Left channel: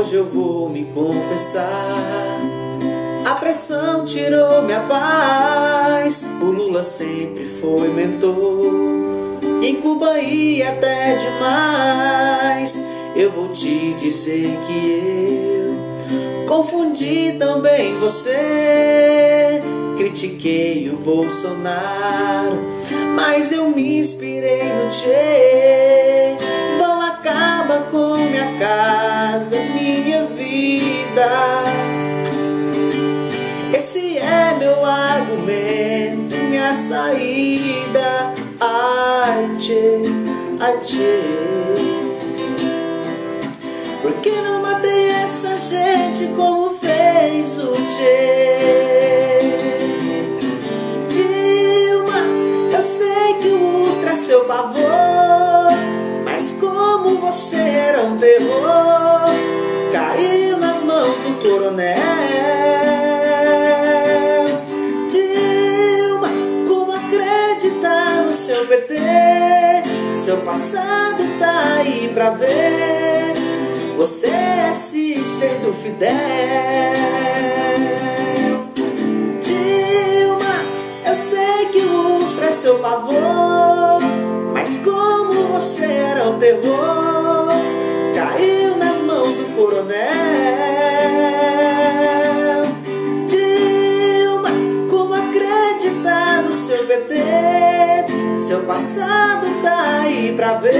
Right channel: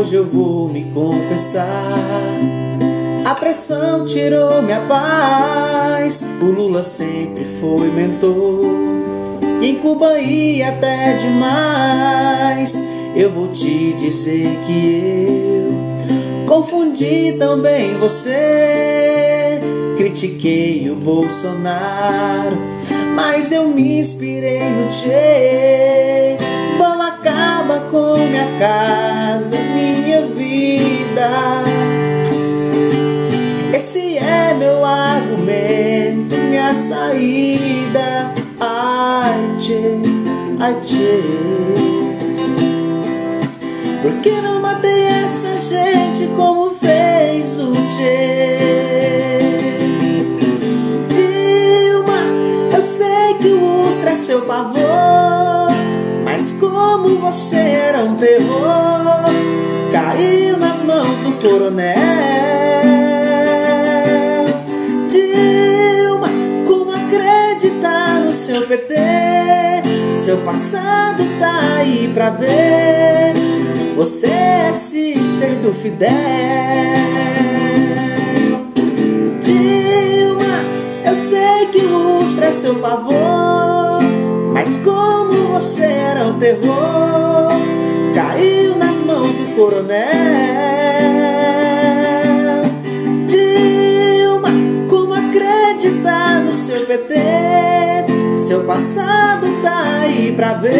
Hoje eu vou me confessar. A pressão tirou minha paz. O Lula sempre foi mentor. Em Cuba ia até demais. Eu vou te dizer que eu confundi também você. Critiquei o Bolsonaro, mas eu me inspirei no Che. Vão acabar com minha casa, minha vida. Esse é meu argumento, minha saída. Ai, Che, ai, Che. Por que não matei essa gente como fez o Che? Dilma, eu sei que o Ustra é seu pavor, mas como você era um terror, caiu nas mãos do coronel. Dilma, como acreditar no seu PT? Seu passado tá aí pra ver. Você é sister do Fidel. Dilma, eu sei que o Ustra é seu pavor, mas como você era um terror, caiu nas mãos do coronel. Dilma, como acreditar no seu PT? Seu passado tá aí pra ver.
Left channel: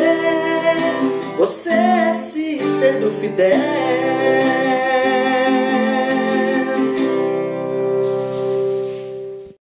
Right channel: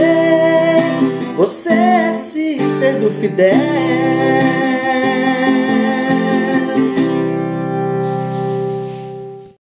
Você é sister do Fidel.